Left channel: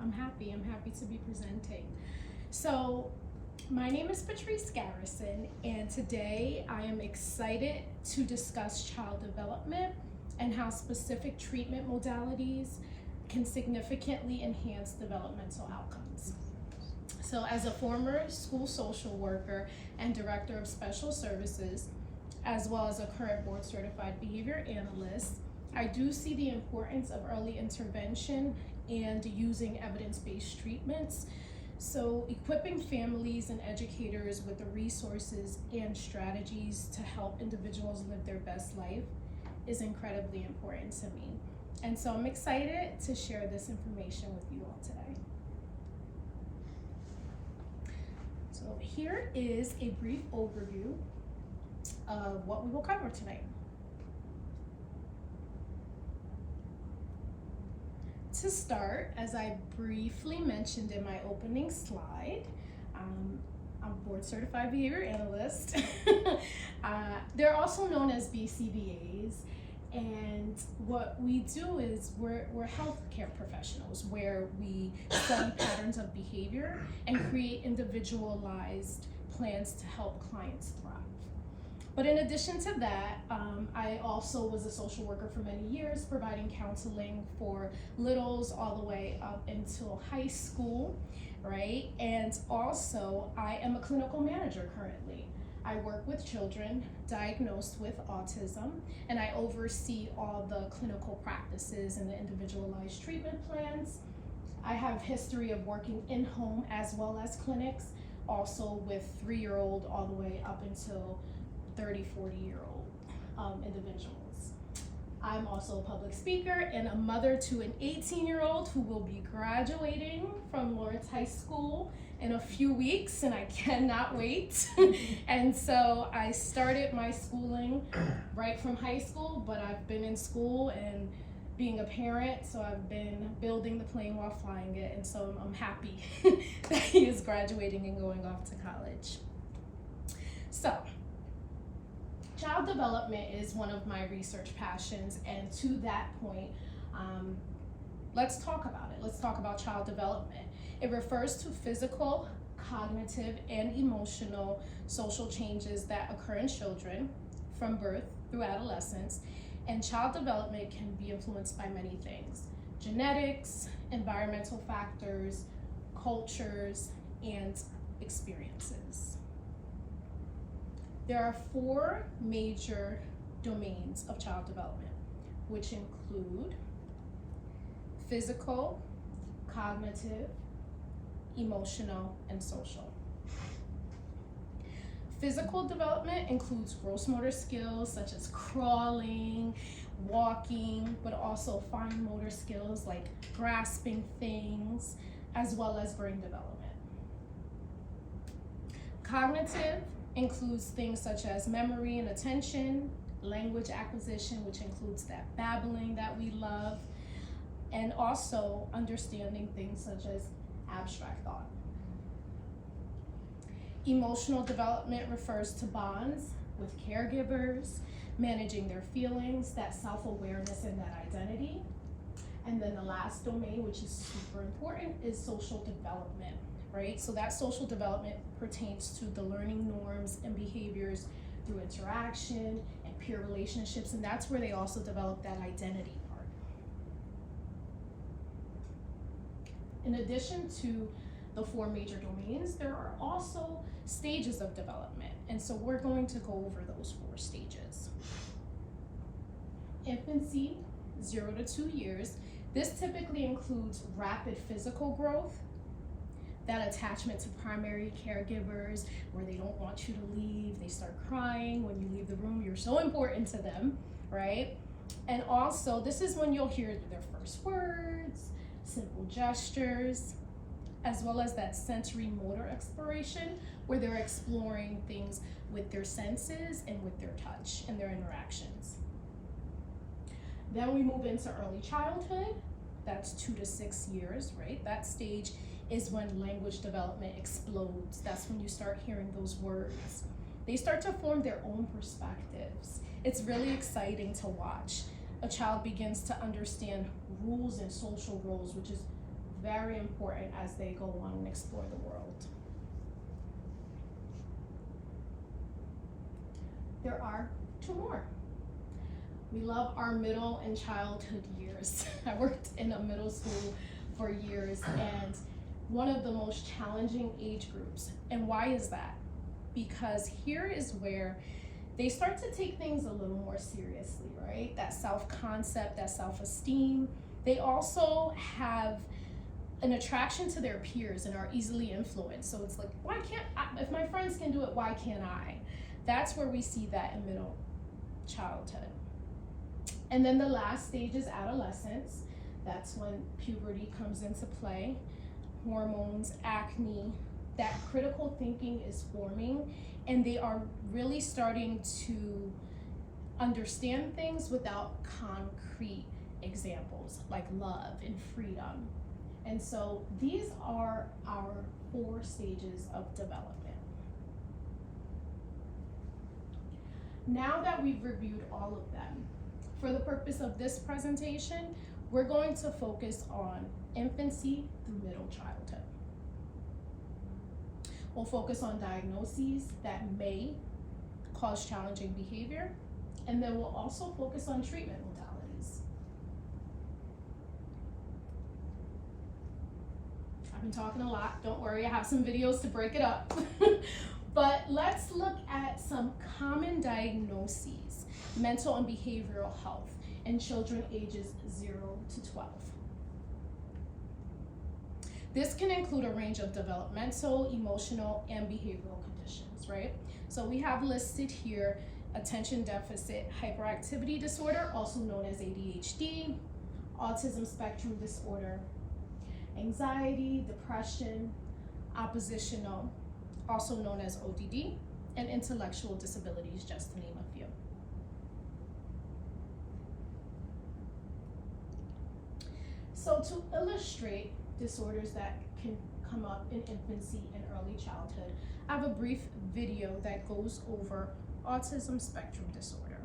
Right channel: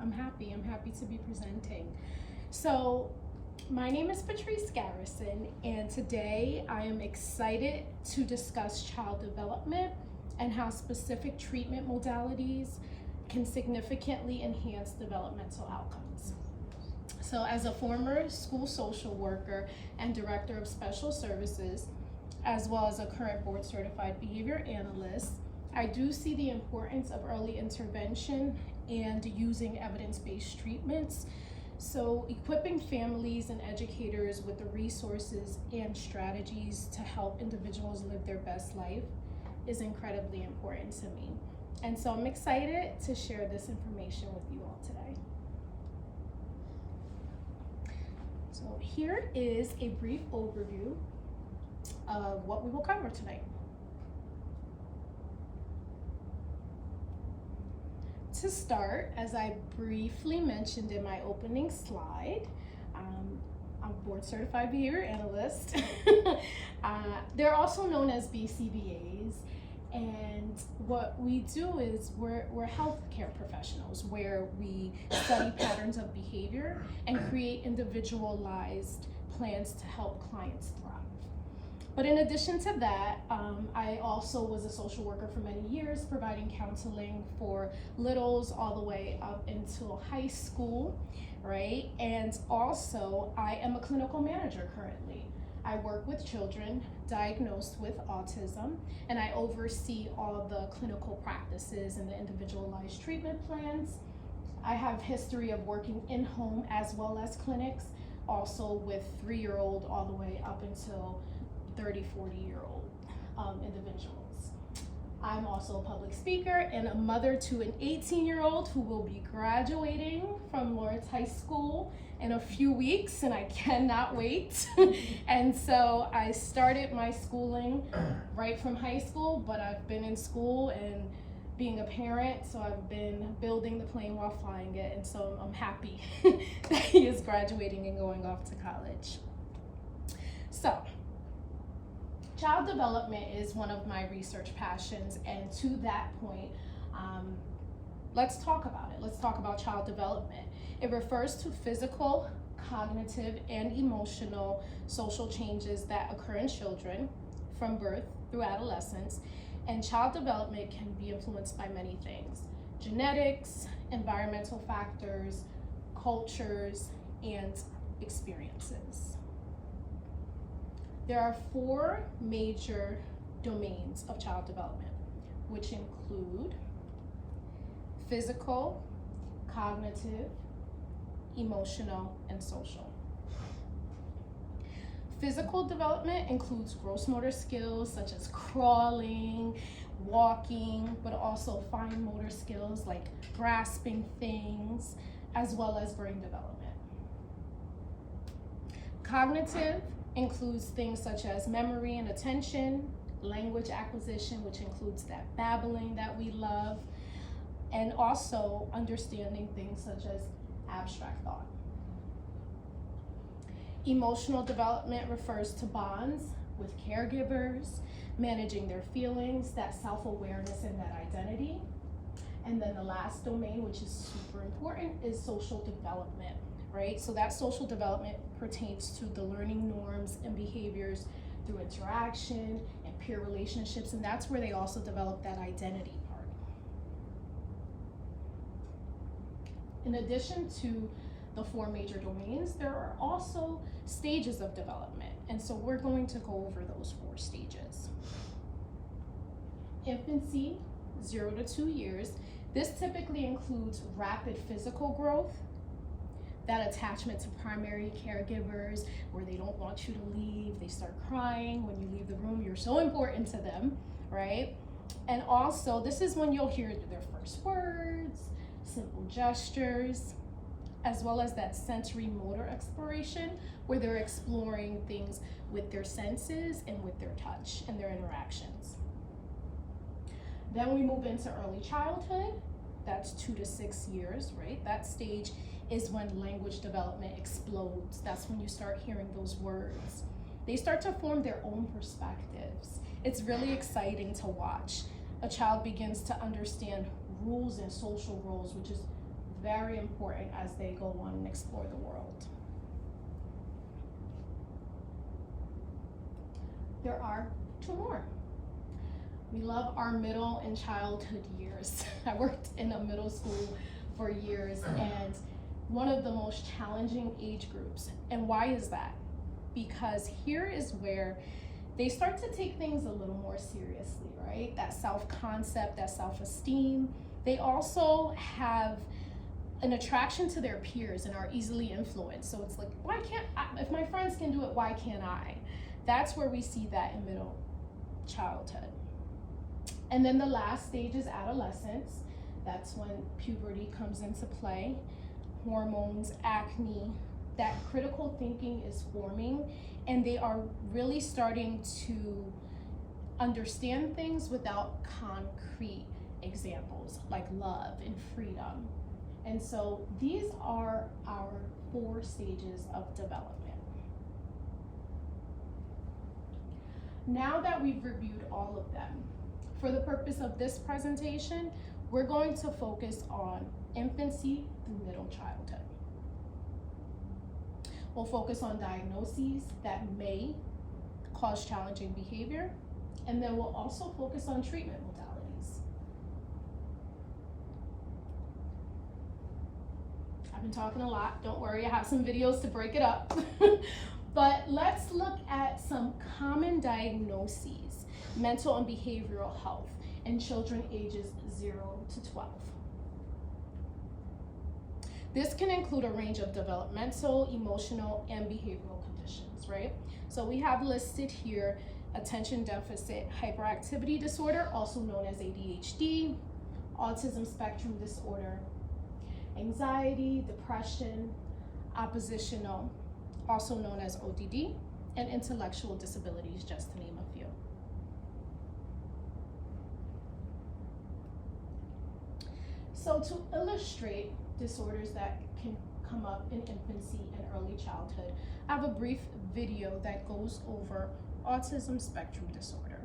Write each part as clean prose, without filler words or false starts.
I'm happy. I'm happy to be presenting. So, my name is Patrice Garrison, and today I am excited to discuss child development and how specific treatment modalities can significantly enhance developmental outcomes. So, as a former school social worker and director of special services, as well as a current board certified behavior analyst, I do see the importance of early intervention and using evidence-based treatments. So equipping families and educators with the resources and strategies to help individuals live their best life is incredibly important to me. And so I'm excited to share this information with you all today. So here is a brief overview of what we will cover tonight. To start, as I briefly mentioned in my opening slide, I'm a board certified behavior analyst. They're also known as BCBAs, and what we do is we're healthcare professionals where we study patterns of behavior and create individualized plans to help clients thrive. But in addition to that, I also was a social worker for many years, providing counseling for littles all the way up until high school, right? And also, I am a clinical manager currently. I work with children diagnosed with autism, and I oversee all the clinical practices and the individualized treatment plans. I have history of working in home as well as clinics, also with 3-year-old all the way up until 30, 40-year-old individuals. I'm also a public speaker and a mother to an 18-year-old who will be graduating from Lawrence High School in a few weeks, and I cannot wait. And so I started my schooling right from high school, but I've been in school and being a parent, so I've been building the plane while flying it, and so I'm happy that he is graduating and going off to college. So, child development is one of my research passions, and to that point, let's talk about it. Let's talk about child development. It refers to physical, cognitive, and emotional social changes that occur in children from birth through adolescence, and child development can be influenced by many things: genetics, environmental factors, cultures, and experiences. There are 4 major domains of child development, which include physical, cognitive, emotional, and social. Physical development includes gross motor skills such as crawling, walking, but also fine motor skills like grasping things, as well as brain development. Cognitive includes things such as memory and attention, language acquisition, which includes that babbling that we love, and also understanding things such as abstract thought. Emotional development refers to bonds with caregivers, managing their feelings, that self-awareness and that identity. And then the last domain, which is super important, is social development. Right? So that social development pertains to the learning norms and behaviors through interaction and peer relationships, and that's where they also develop that identity part. In addition to the 4 major domains, there are also stages of development, and so we're going to go over those 4 stages. Infancy, 0 to 2 years. This typically includes rapid physical growth, that attachment to primary caregivers where they don't want you to leave, they start crying when you leave the room, you're so important to them, right? And also, this is when you'll hear their first words, simple gestures, as well as that sensory motor exploration where they're exploring things with their senses and with their touch and their interactions. Then we move into early childhood. That's 2 to 6 years, right? That stage is when language development explodes. That's when you start hearing those words. They start to form their own perspectives. It's really exciting to watch. A child begins to understand rules and social roles, which is very important as they go on and explore the world. There are two more. We love our middle and childhood years. I worked in a middle school for years, and one of the most challenging age groups. And why is that? Because here is where they start to take things a little more seriously, right? That self-concept, that self-esteem. They also have an attraction to their peers and are easily influenced. So it's like, why can't I? If my friends can do it, why can't I? That's where we see that in middle childhood. And then the last stage is adolescence. That's when puberty comes into play, hormones, acne, that critical thinking is forming, and they are really starting to understand things without concrete examples like love and freedom. And so these are our 4 stages of development. Now that we've reviewed all of them, for the purpose of this presentation, we're going to focus on infancy through middle childhood. We'll focus on diagnoses that may cause challenging behavior, and then we'll also focus on treatment modalities. I've been talking a lot, don't worry, I have some videos to break it up. But let's look at some common diagnoses, mental and behavioral health, in children ages 0 to 12. This can include a range of developmental, emotional, and behavioral conditions, right? So we have listed here attention deficit hyperactivity disorder, also known as ADHD, autism spectrum disorder, anxiety, depression, oppositional, also known as ODD, and intellectual disabilities, just to name a few. So to illustrate disorders that can come up in infancy and early childhood, I have a brief video that goes over autism spectrum disorder.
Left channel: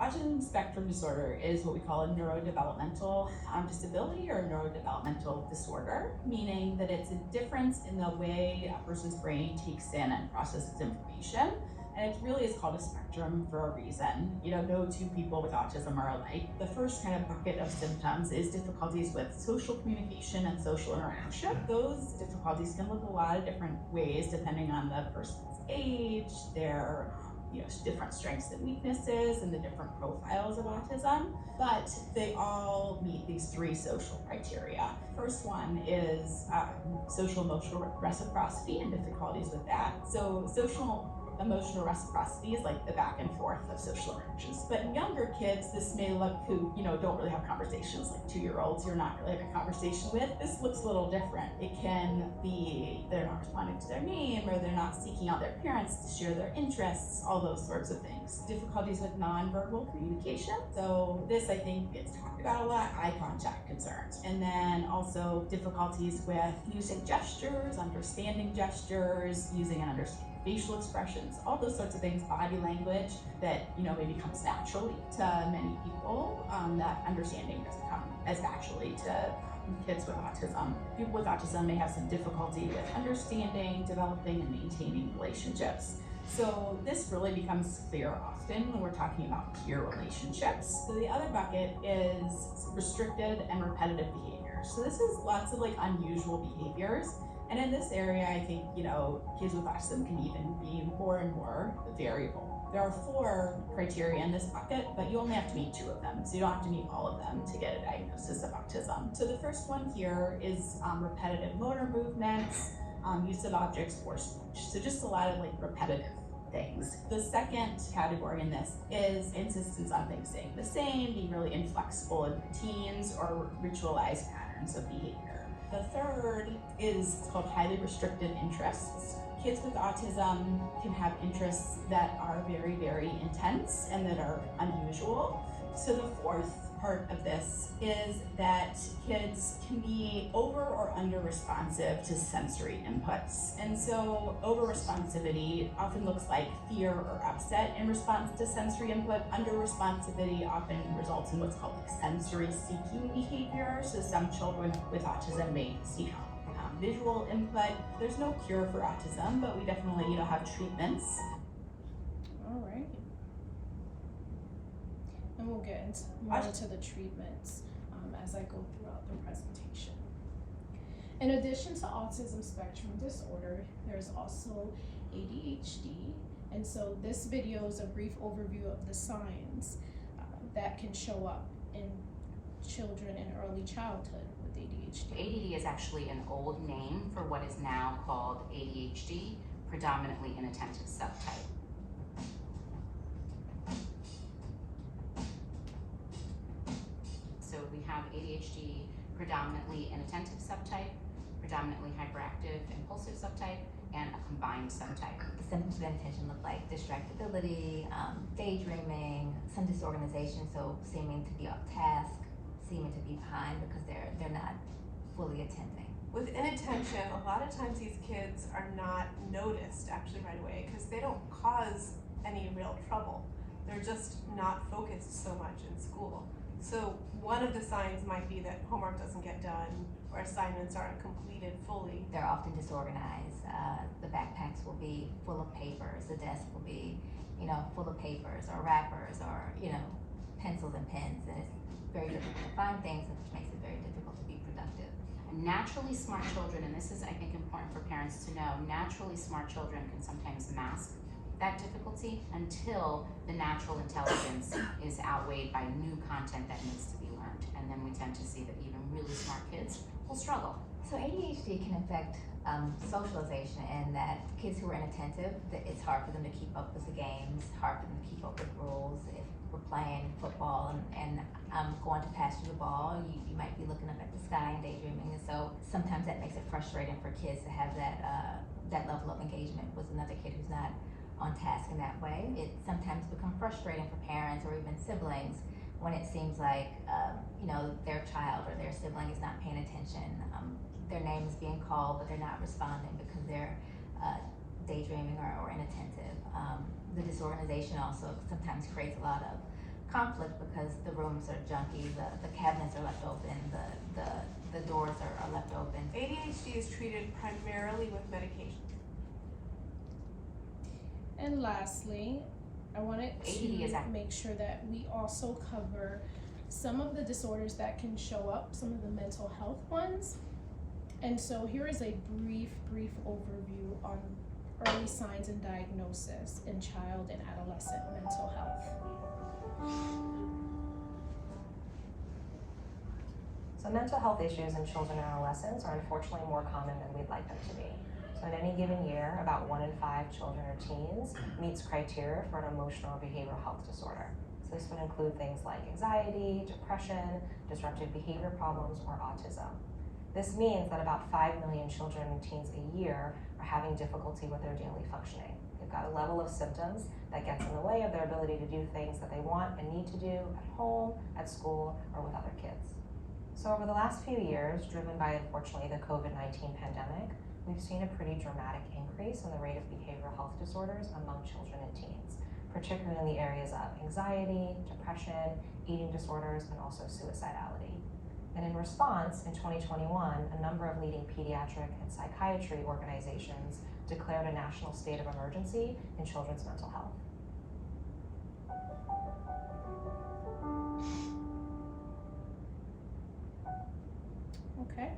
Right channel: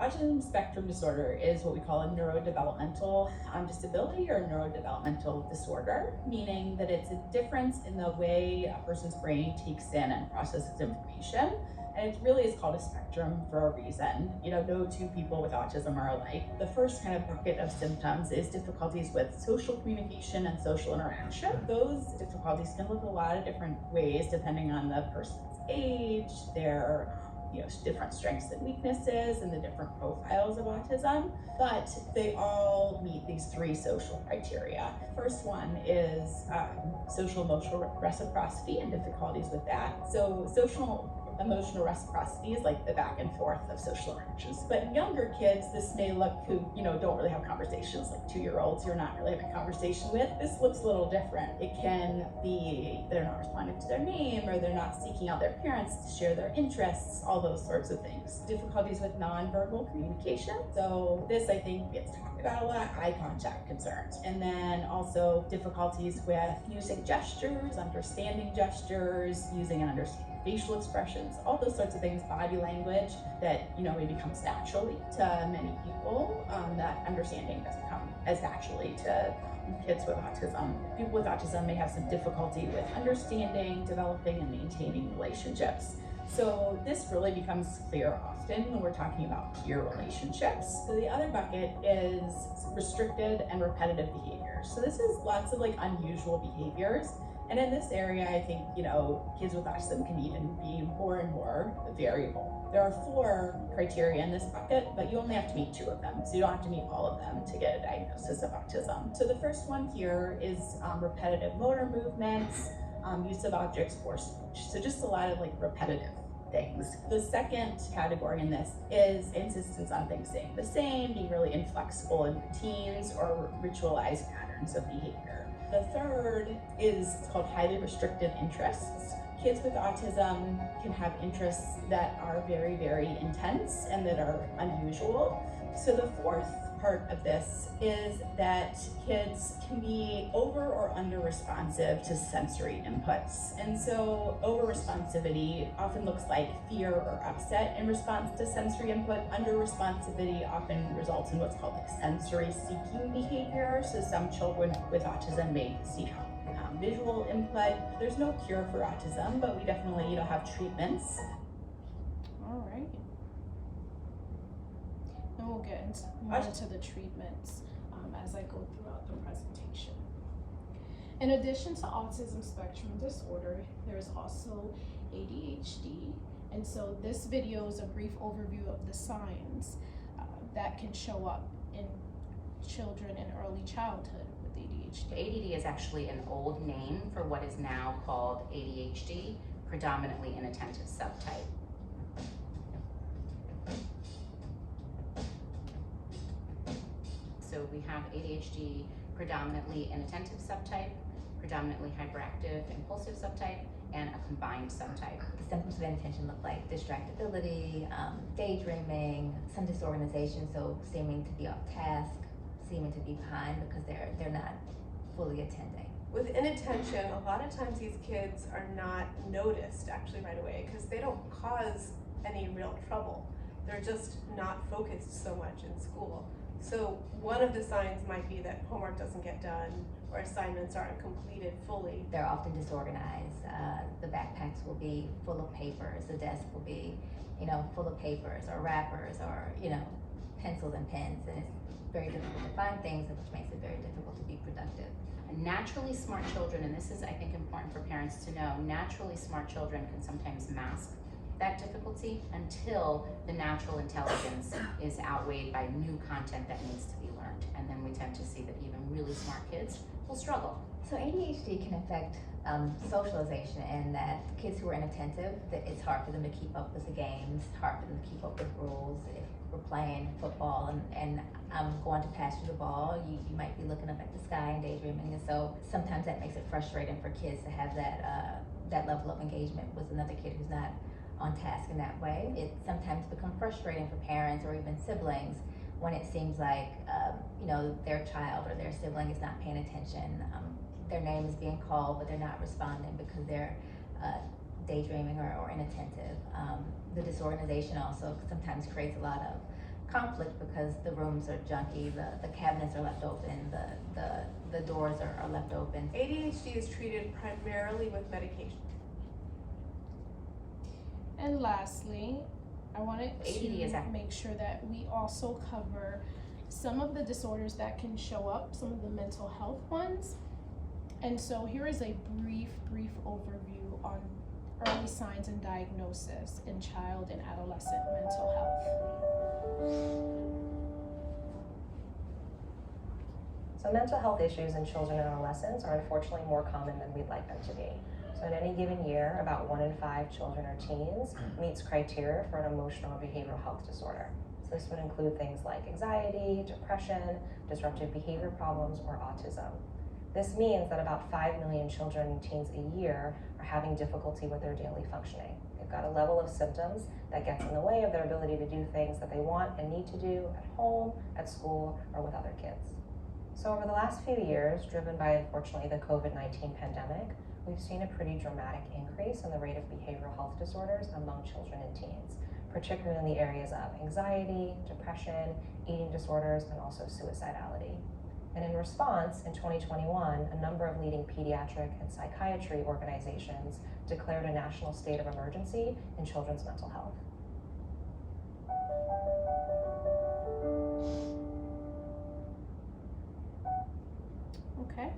Autism spectrum disorder is what we call a neurodevelopmental disability or neurodevelopmental disorder, meaning that it's a difference in the way a person's brain takes in and processes information. And it really is called a spectrum for a reason. You know, no 2 people with autism are alike. The first kind of bucket of symptoms is difficulties with social communication and social interaction. Those difficulties can look a lot of different ways depending on the person's age, their different strengths and weaknesses, and the different profiles of autism, but they all meet these 3 social criteria. First one is social emotional reciprocity and difficulties with that. So social emotional reciprocity is like the back and forth of social interactions. But in younger kids, this may look who, don't really have conversations, like 2-year-olds you're not really having a conversation with. This looks a little different. It can be they're not responding to their name, or they're not seeking out their parents to share their interests, all those sorts of things. Difficulties with nonverbal communication. So this, I think, gets talked about a lot, eye contact concerns. And then also difficulties with using gestures, understanding gestures, using and understanding facial expressions, all those sorts of things, body language that maybe comes naturally to many people. That understanding doesn't come as naturally to kids with autism. People with autism may have some difficulty with understanding, developing, and maintaining relationships. So this really becomes clear often when we're talking about peer relationships. So the other bucket is restricted and repetitive behaviors. So this is lots of unusual behaviors. And in this area, I think, kids with autism can even be more and more variable. There are 4 criteria in this bucket, but you only have to meet 2 of them. So you don't have to meet all of them to get a diagnosis of autism. So the first one here is repetitive motor movements, use of objects for speech. So just a lot of repetitive things. The second category in this is insistence on things staying the same, being really inflexible in routines or ritualized patterns of behavior. The third is called highly restricted interests. Kids with autism can have interests that are very, very intense and that are unusual. So the fourth part of this is that kids can be over or under responsive to sensory inputs. And so over responsivity often looks like fear or upset in response to sensory input. Under responsivity often results in what's called like sensory seeking behavior. So some children with autism may seek visual input. There's no cure for autism, but we definitely, have treatments. All right. And we'll get more into the treatments as I go throughout the presentation. In addition to autism spectrum disorder, there's also ADHD. And so this video is a brief overview of the signs that can show up in children in early childhood with ADHD. ADD is actually an old name for what is now called ADHD, predominantly inattentive subtype. So we have ADHD predominantly inattentive subtype, predominantly hyperactive impulsive subtype, and a combined subtype. The symptoms of inattention look like distractibility, daydreaming, some disorganization, so seeming to be off task, seeming to be behind because they're not fully attending. With inattention, a lot of times these kids are not noticed actually right away because they don't cause any real trouble. They're just not focused so much in school. So one of the signs might be that homework doesn't get done or assignments aren't completed fully. They're often disorganized. The backpacks will be full of papers. The desk will be, full of papers or wrappers or, pencils and pens. And it's very difficult to find things, which makes it very difficult to be productive. Naturally smart children, and this is, I think, important for parents to know, naturally smart children can sometimes mask that difficulty until the natural intelligence is outweighed by new content that needs to be learned. And then we tend to see that even really smart kids will struggle. So ADHD can affect socialization, and that kids who are inattentive, that it's hard for them to keep up with the games, hard for them to keep up with rules. If we're playing football and I'm going to pass you the ball, you might be looking up at the sky and daydreaming, and so sometimes that makes it frustrating for kids to have that level of engagement with another kid who's not on task in that way. It sometimes becomes frustrating for parents or even siblings when it seems like their child or their sibling is not paying attention. Their name is being called, but they're not responding because they're daydreaming or inattentive. The disorganization also sometimes creates a lot of conflict because the rooms are junky, the cabinets are left open, the doors are left open. ADHD is treated primarily with medication. And lastly, I wanted ADD to make sure that we also cover some of the disorders that can show up, some of the mental health ones. And so here is a brief overview on early signs and diagnosis in child and adolescent mental health. So mental health issues in children and adolescents are unfortunately more common than we'd like them to be. So in any given year, about 1 in 5 children or teens meets criteria for an emotional or behavioral health disorder. So this would include things like anxiety, depression, disruptive behavior problems, or autism. This means that about 5 million children and teens a year are having difficulty with their daily functioning. They've got a level of symptoms that gets in the way of their ability to do things that they want and need to do at home, at school, or with other kids. So over the last few years, driven by unfortunately the COVID-19 pandemic, we've seen a pretty dramatic increase in the rate of behavioral health disorders among children and teens, particularly in the areas of anxiety, depression, eating disorders, and also suicidality. And in response, in 2021, a number of leading pediatric and psychiatry organizations declared a national state of emergency in children's mental health. Okay.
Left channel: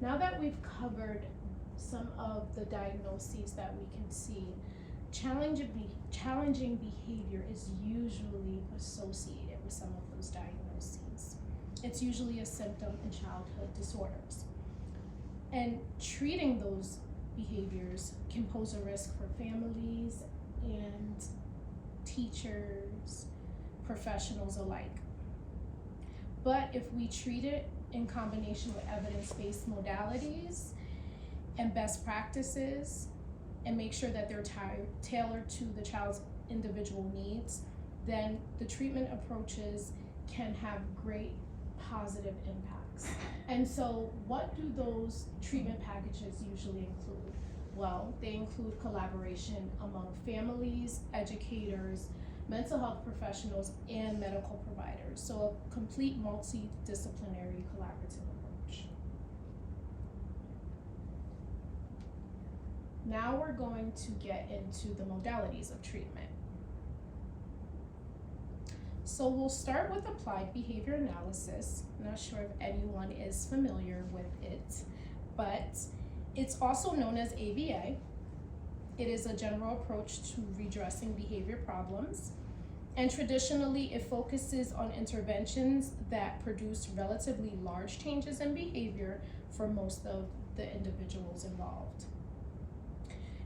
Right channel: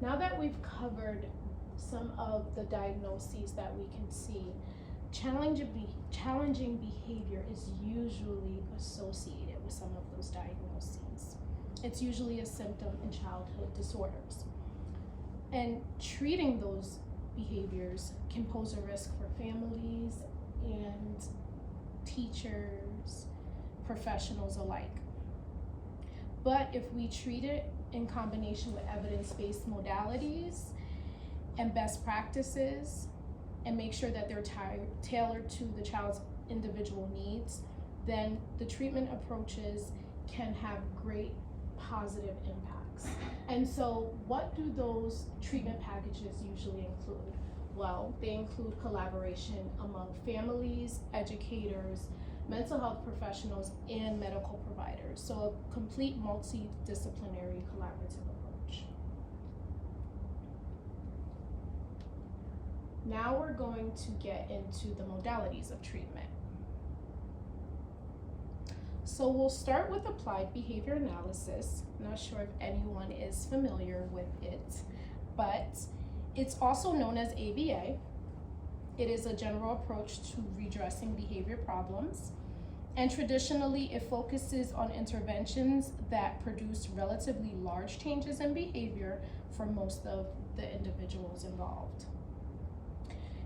Now that we've covered some of the diagnoses that we can see, challenging behavior is usually associated with some of those diagnoses. It's usually a symptom in childhood disorders. And treating those behaviors can pose a risk for families and teachers, professionals alike. But if we treat it in combination with evidence-based modalities and best practices and make sure that they're tailored to the child's individual needs, then the treatment approaches can have great positive impacts. And so what do those treatment packages usually include? Well, they include collaboration among families, educators, mental health professionals, and medical providers. So a complete multidisciplinary collaborative approach. Now we're going to get into the modalities of treatment. So we'll start with applied behavior analysis. I'm not sure if anyone is familiar with it, but it's also known as ABA. It is a general approach to redressing behavior problems. And traditionally, it focuses on interventions that produce relatively large changes in behavior for most of the individuals involved.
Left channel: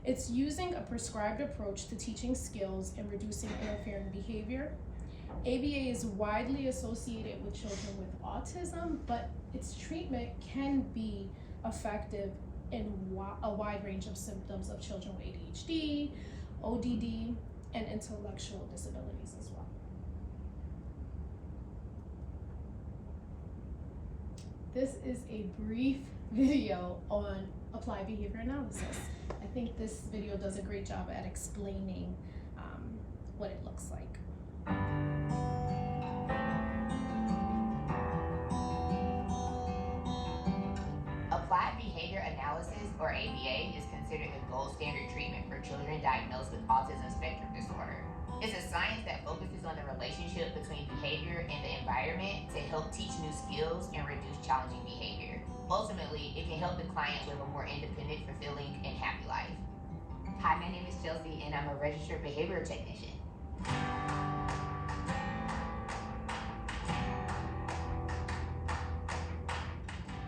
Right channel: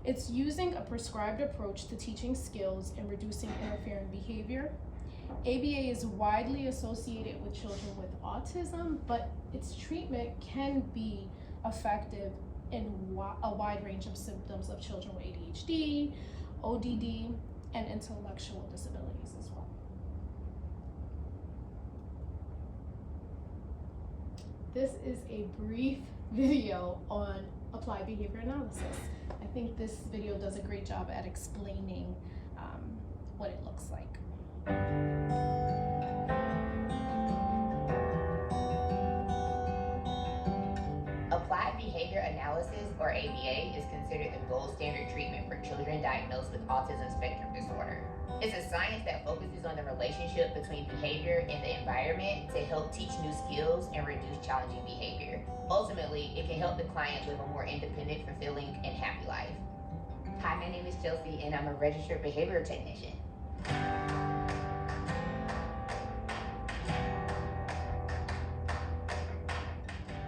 It's using a prescribed approach to teaching skills and reducing interfering behavior. ABA is widely associated with children with autism, but its treatment can be effective in a wide range of symptoms of children with ADHD, ODD, and intellectual disabilities as well. This is a brief video on applied behavior analysis. I think this video does a great job at explaining what it looks like. Applied behavior analysis, or ABA, is considered the gold standard treatment for children diagnosed with autism spectrum disorder. It's a science that focuses on the relationship between behavior and the environment to help teach new skills and reduce challenging behavior. Ultimately, it can help the client live a more independent, fulfilling, and happy life. Hi, my name is Chelsea, and I'm a registered behavioral technician.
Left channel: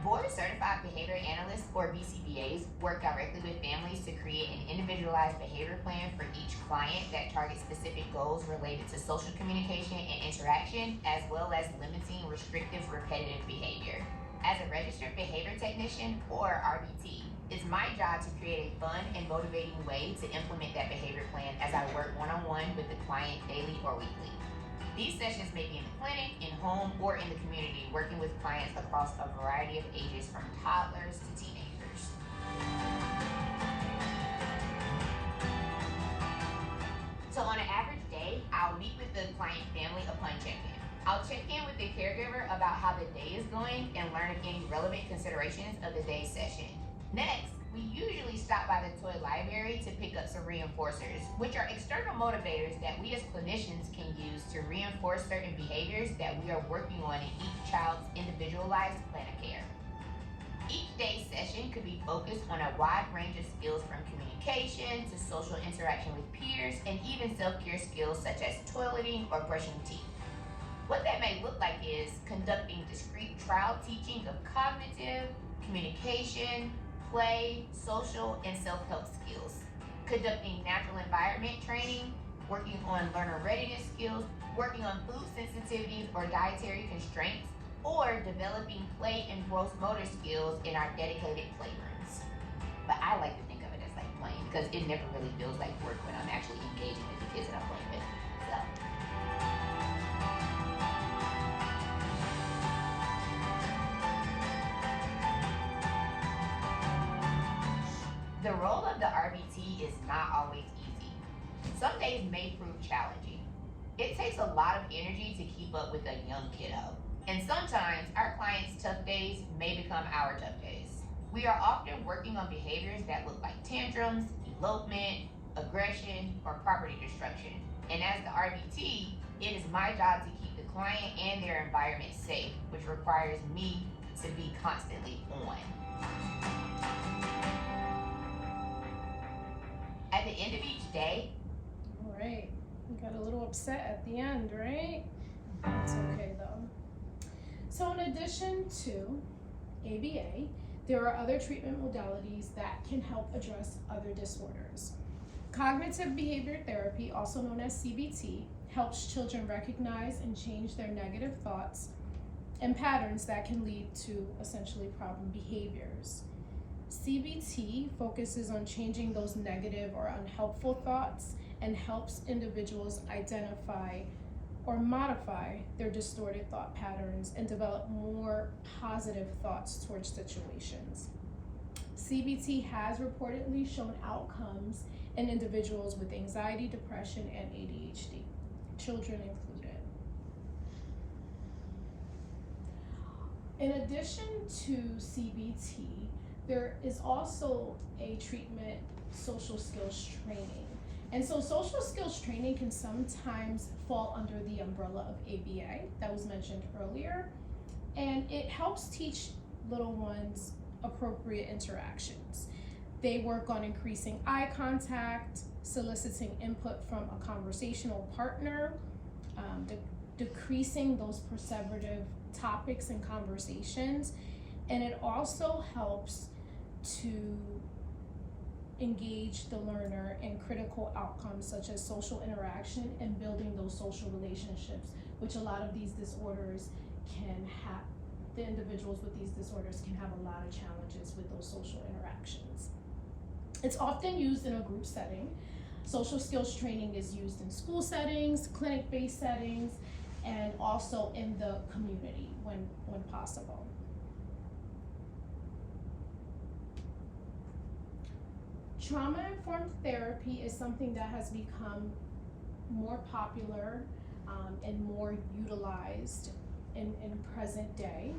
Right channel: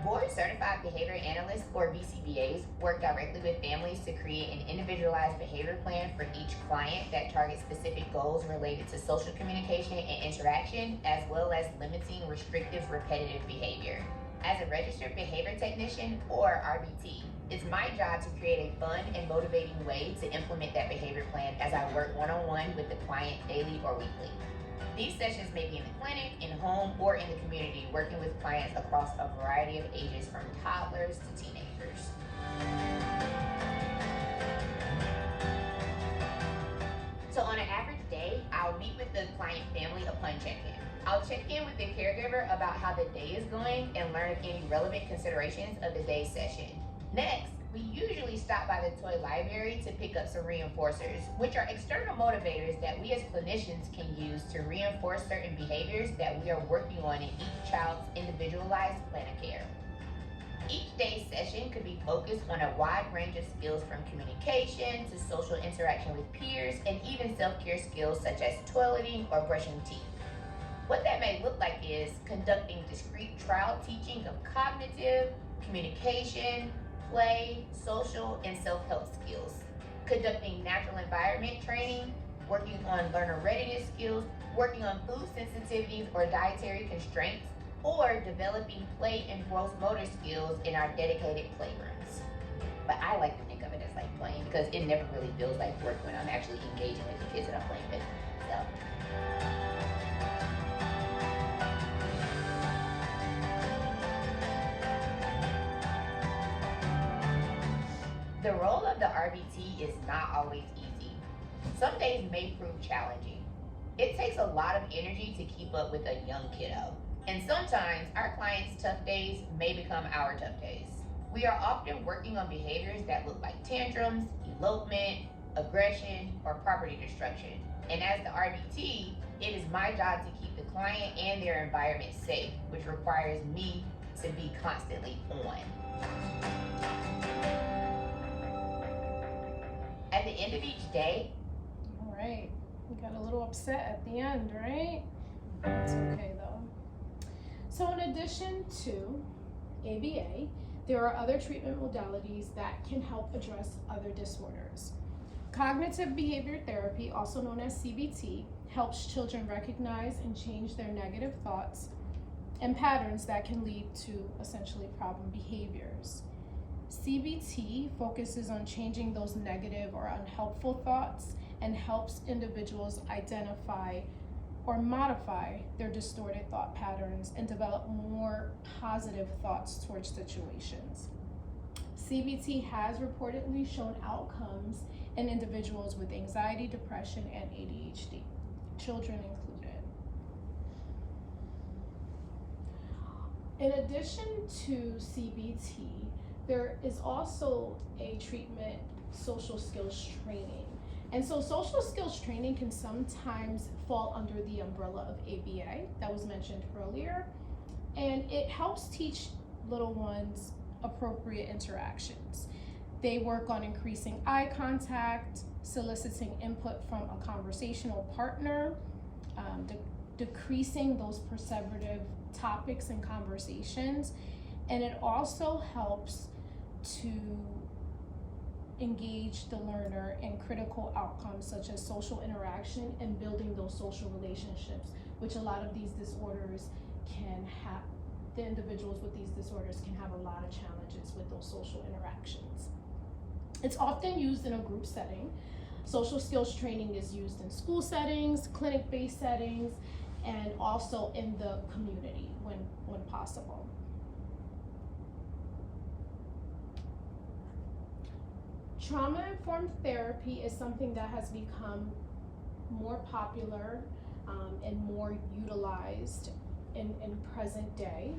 Board Certified Behavior Analysts, or BCBAs, work directly with families to create an individualized behavior plan for each client that targets specific goals related to social communication and interaction, as well as limiting restrictive, repetitive behavior. As a registered behavior technician, or RBT, it's my job to create a fun and motivating way to implement that behavior plan as I work one-on-one with the client daily or weekly. These sessions may be in the clinic, in home, or in the community, working with clients across a variety of ages from toddlers to teenagers. So on an average day, I'll meet with the client family upon check-in. I'll check in with the caregiver about how the day is going and learn any relevant considerations of the day's session. Next, we usually stop by the toy library to pick up some reinforcers, which are external motivators that we as clinicians can use to reinforce certain behaviors that we are working on in each child's individualized plan of care. Each day's session could be focused on a wide range of skills from communication to social interaction with peers and even self-care skills such as toileting or brushing teeth. What that may look like is conducting discrete trial teaching of cognitive, communication, play, social, and self-help skills, conducting natural environment training, working on learner readiness skills, working on food sensitivities or dietary constraints, or developing play and gross motor skills in our dedicated playrooms. But I like to think of it as like playing because it never really feels like work when I'm actually engaging with the kids that I'm playing with. So. The role of the RBT is not always easy. Some days may prove challenging. It takes a lot of energy to keep up with a young kiddo. And sometimes our clients' tough days may become our tough days. We are often working on behaviors that look like tantrums, elopement, aggression, or property destruction. And as the RBT, it is my job to keep the client and their environment safe, which requires me to be constantly on. At the end of each day. All right, we got a little upset at the end, right? That's okay though. So in addition to ABA, there are other treatment modalities that can help address other disorders. Cognitive behavior therapy, also known as CBT, helps children recognize and change their negative thoughts and patterns that can lead to essentially problem behaviors. CBT focuses on changing those negative or unhelpful thoughts and helps individuals identify or modify their distorted thought patterns and develop more positive thoughts towards situations. CBT has reportedly shown outcomes in individuals with anxiety, depression, and ADHD, children included. In addition to CBT, there is also a treatment, social skills training. And so social skills training can sometimes fall under the umbrella of ABA that was mentioned earlier, and it helps teach little ones appropriate interactions. They work on increasing eye contact, soliciting input from a conversational partner, decreasing those perseverative topics and conversations, and it also helps to engage the learner in critical outcomes such as social interaction and building those social relationships, which a lot of these disorders can have. The individuals with these disorders can have a lot of challenges with those social interactions. It's often used in a group setting. Social skills training is used in school settings, clinic-based settings, and also in the community when possible. Trauma-informed therapy is something that has become more popular and more utilized in present day.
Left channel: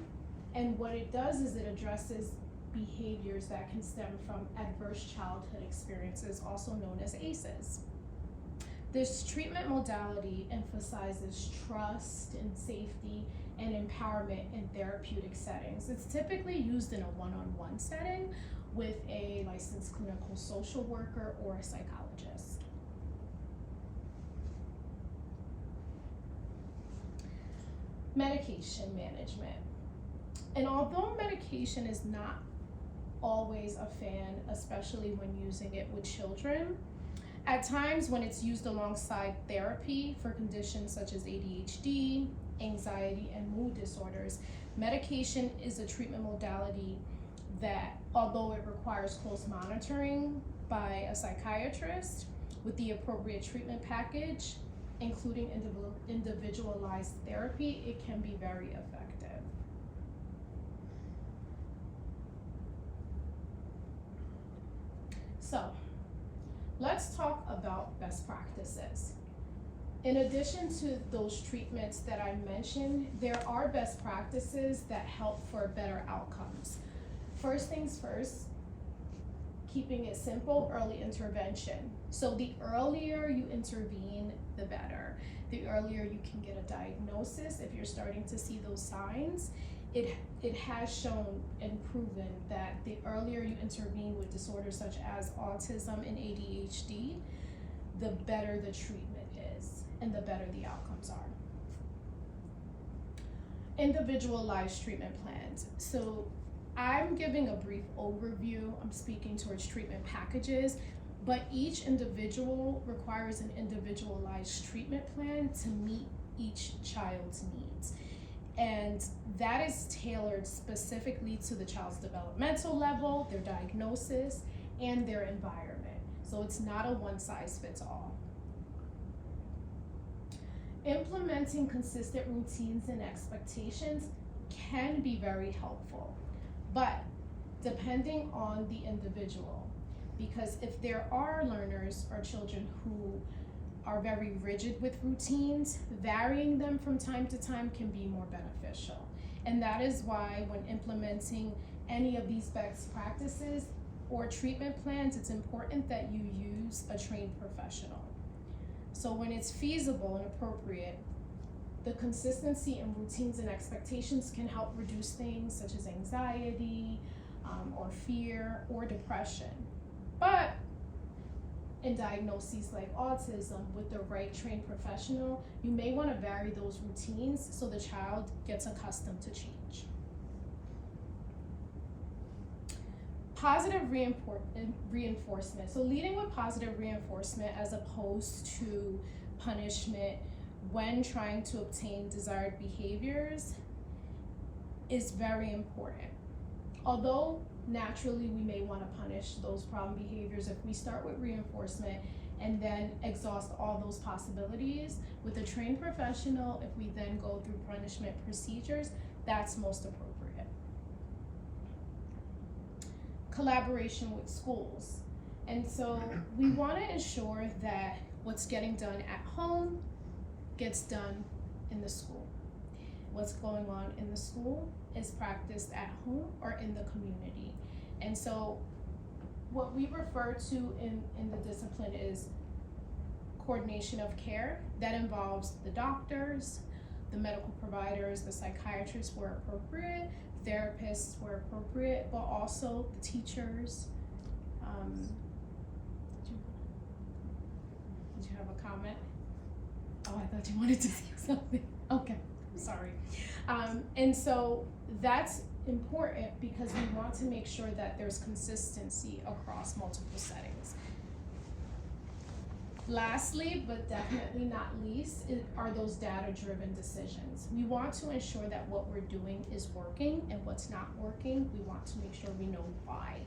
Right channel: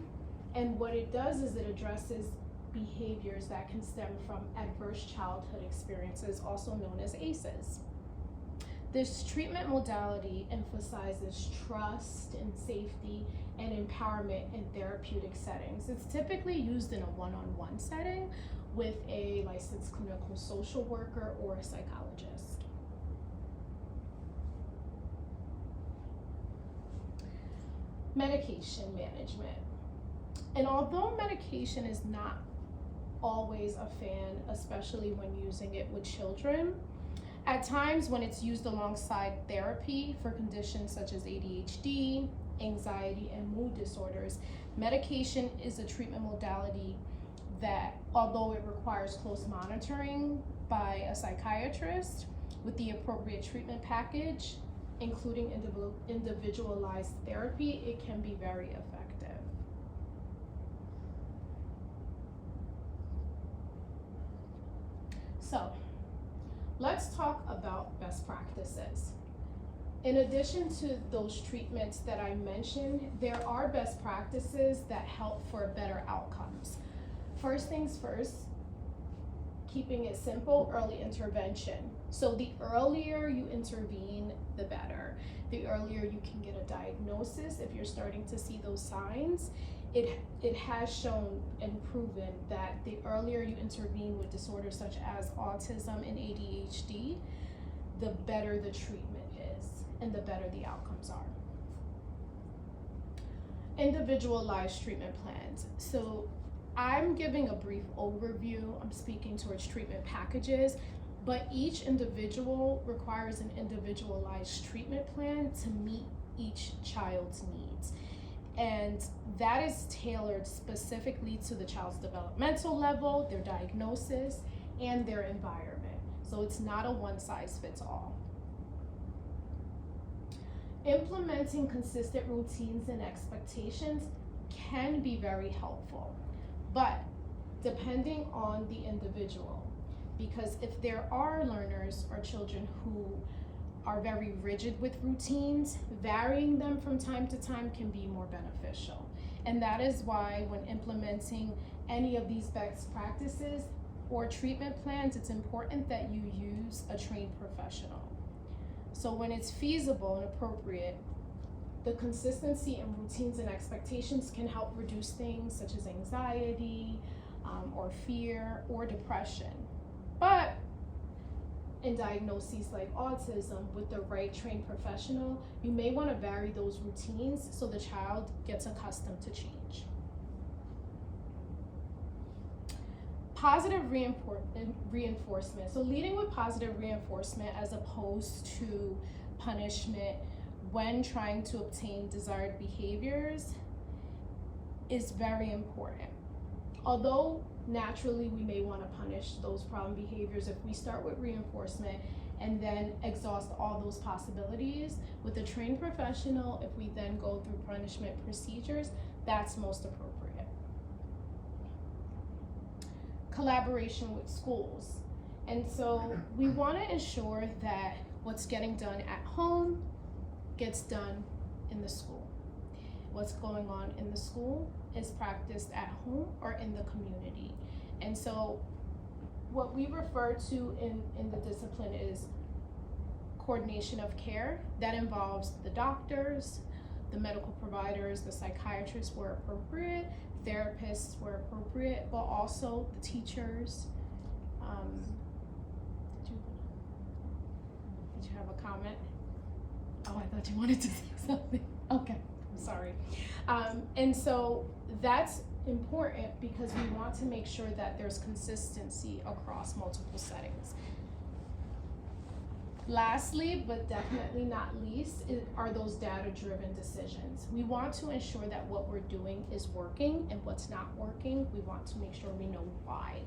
And what it does is it addresses behaviors that can stem from adverse childhood experiences, also known as ACEs. This treatment modality emphasizes trust and safety and empowerment in therapeutic settings. It's typically used in a one-on-one setting with a licensed clinical social worker or a psychologist. Medication management. And although medication is not always a fan, especially when using it with children, at times when it's used alongside therapy for conditions such as ADHD, anxiety, and mood disorders, medication is a treatment modality that, although it requires close monitoring by a psychiatrist with the appropriate treatment package, including individualized therapy, it can be very effective. So, let's talk about best practices. In addition to those treatments that I mentioned, there are best practices that help for better outcomes. First things first, keeping it simple, early intervention. So the earlier you intervene, the better. The earlier you can get a diagnosis if you're starting to see those signs. It has shown and proven that the earlier you intervene with disorders such as autism and ADHD, the better the treatment is and the better the outcomes are. Individualized treatment plans. So I'm giving a brief overview. I'm speaking towards treatment packages, but each individual requires an individualized treatment plan to meet each child's needs. And that is tailored specifically to the child's developmental level, their diagnosis, and their environment. So it's not a one-size-fits-all. Implementing consistent routines and expectations can be very helpful, but depending on the individual, because if there are learners or children who are very rigid with routines, varying them from time to time can be more beneficial. And that is why when implementing any of these best practices or treatment plans, it's important that you use a trained professional. So when it's feasible and appropriate, the consistency in routines and expectations can help reduce things such as anxiety or fear or depression. But in diagnoses like autism, with the right trained professional, you may want to vary those routines so the child gets accustomed to change. Positive reinforcement. So leading with positive reinforcement as opposed to punishment when trying to obtain desired behaviors is very important. Although naturally we may want to punish those problem behaviors, if we start with reinforcement, and then exhaust all those possibilities with a trained professional. If we then go through punishment procedures, that's most appropriate. Collaboration with schools. And so we want to ensure that what's getting done at home gets done in the school. What's going on in the school is practiced at home or in the community. And so what we refer to in the discipline is coordination of care. That involves the doctors, the medical providers, the psychiatrists where appropriate, therapists where appropriate, but also the teachers. Did you have a comment? Oh, I thought you wanted to say something. Okay, I'm sorry. And so that's important because we want to make sure that there's consistency across multiple settings. Lastly, but definitely not least, are those data-driven decisions. We want to ensure that what we're doing is working, and what's not working, we want to make sure we know why,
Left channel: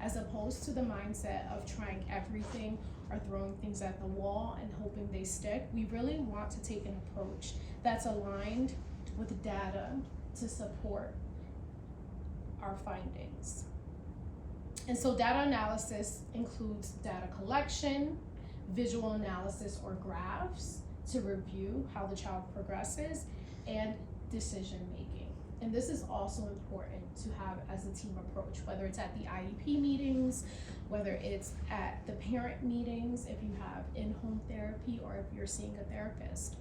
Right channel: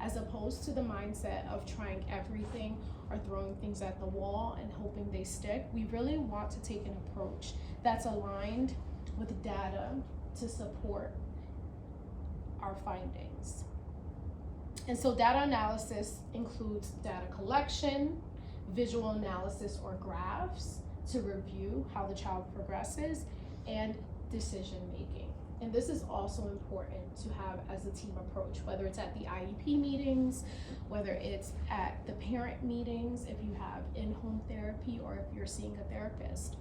as opposed to the mindset of trying everything or throwing things at the wall and hoping they stick. We really want to take an approach that's aligned with data to support our findings. And so data analysis includes data collection, visual analysis or graphs to review how the child progresses, and decision making. And this is also important to have as a team approach, whether it's at the IEP meetings, whether it's at the parent meetings, if you have in-home therapy, or if you're seeing a therapist.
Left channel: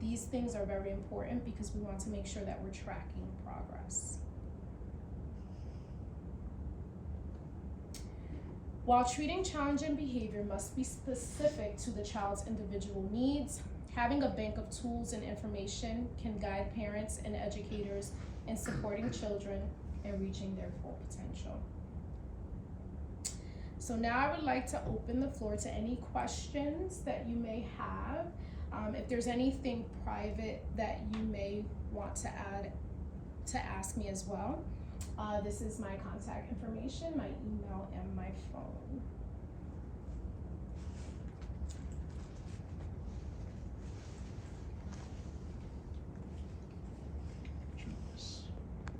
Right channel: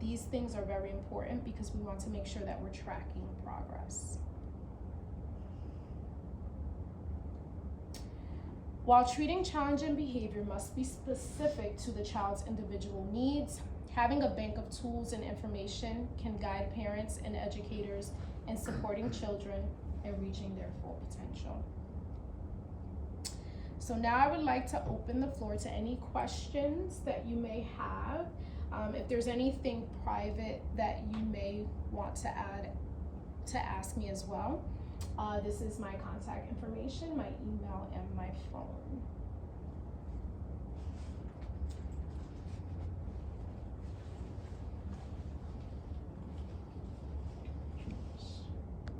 These things are very important because we want to make sure that we're tracking progress. While treating challenging behavior must be specific to the child's individual needs, having a bank of tools and information can guide parents and educators in supporting children and reaching their full potential. So now I would like to open the floor to any questions that you may have. If there's anything private that you may want to ask me as well. This is my contact information, my email, and my phone.